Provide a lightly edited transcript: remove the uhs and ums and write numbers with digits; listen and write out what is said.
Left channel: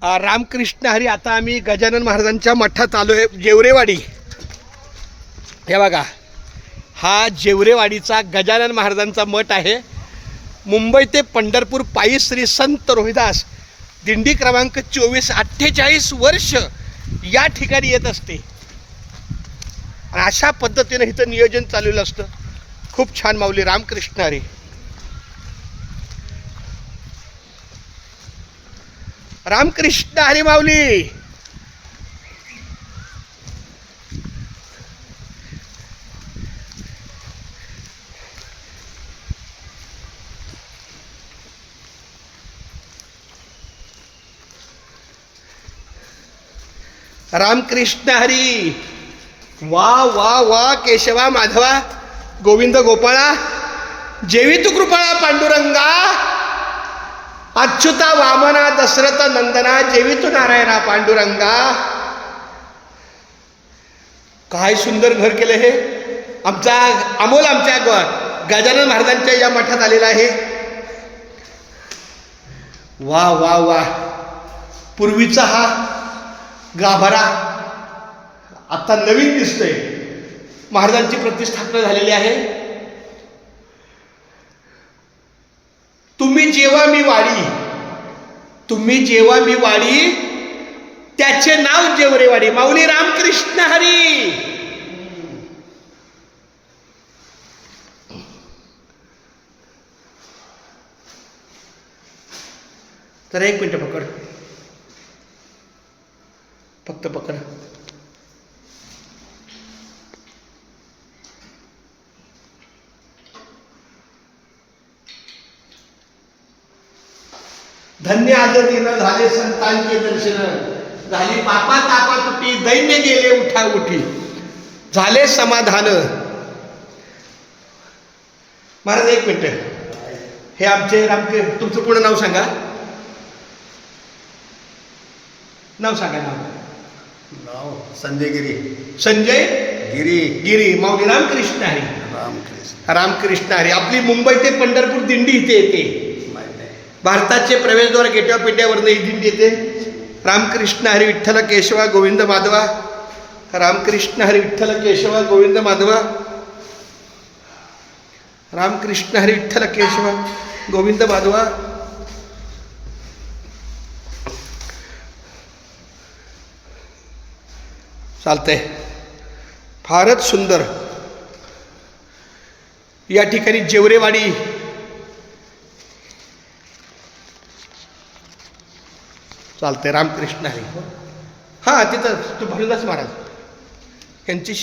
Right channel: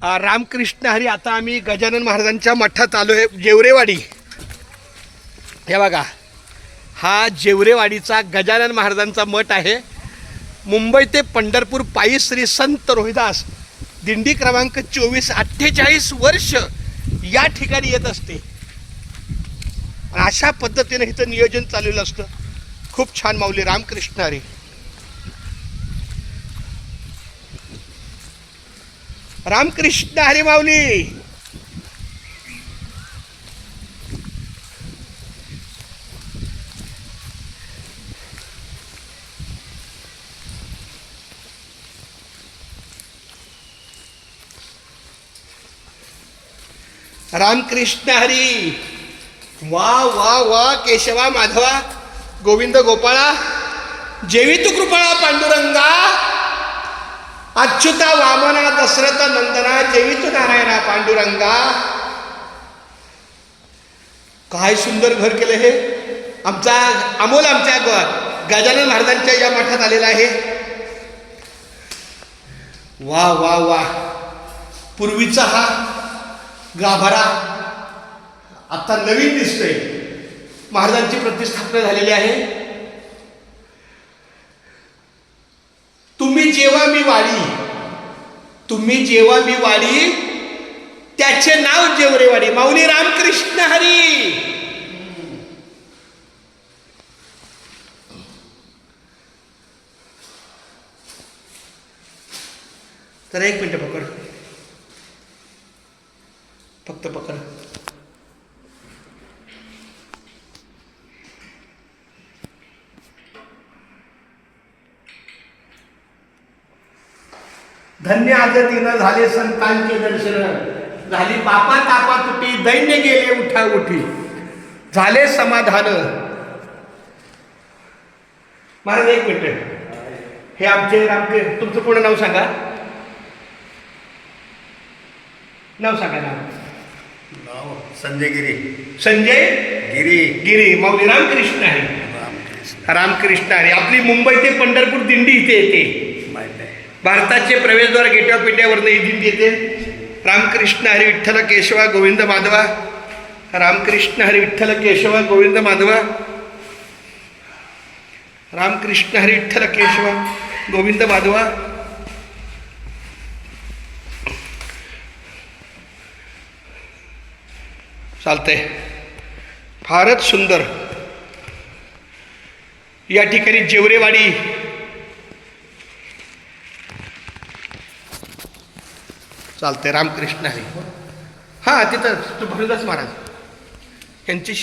रामकृष्ण हरी. आता आम्ही गजानन महाराजांच्या मठात आलो आहे. जेवरेवाडी, हे बघा, हा जेवरेवाडीचा गजानन महाराजांचा मठ आहे. मुंबई ते पंढरपूर पायी श्री संत रोहिदास दिंडी क्रमांक 24 48 वर्ष या ठिकाणी येत असते. अशा पद्धतीने इथं नियोजन चाललेलं असतं. खूप छान माऊली. रामकृष्ण हरी. रामकृष्ण हरी माऊली. रामकृष्ण हरी. वा वा वा. केशवा माधवा गोविंद गोपाळा जेवी तू कृपा पांडुरंगा. अच्युता वामना दशरथ नंदना जेवी तू नारायणा पांडुरंगा. काय सुंदर घर केलं हे. आमचा अमोल आमच्या गजानन महाराजांच्या या मठात आलेला आहे. वा वा वा. पूर्वीचा हा गाभारा आता नवीन दिसतोय. महाराजांची प्रतिष्ठापना झालेली आहे. तुम्ही जेव्हा मी वाडी, तुम्ही जेव्हा मी वाडी, त्याचे नाव जेवरेवाडी. माऊली रामकृष्ण हरी. तर एक मिनिट पकड, फक्त पकड. धन्य आदतीनं झाले संतांचे दर्शन, झाली पापा तापा तुटी, दैन्य गेले उठा उठी, झाले समाधान. महाराज एक मिनिट. हे आमचे तुमचं पूर्ण नाव सांगा. नाव सांगा. नाव संजय गिरी. संजय गिरी. गिरी. माऊली रामकृष्ण हरी. रामकृष्ण हरी. आपली मुंबई ते पंढरपूर दिंडी इथे येते. भारताचे प्रवेशद्वार गेट ऑफ इंडियावरनं ही दिंडी येते. रामकृष्ण हरी विठ्ठल केशवा गोविंद माधवा. रामकृष्ण हरी विठ्ठल केशवा गोविंद माधवा. रामकृष्ण हरी विठ्ठल केशवा गोविंद माधवा. चालतंय. फारच सुंदर. या ठिकाणी जेवरेवाडी. चालतंय. रामकृष्ण हरी. हां, तिथं तू भरदास महाराज यांची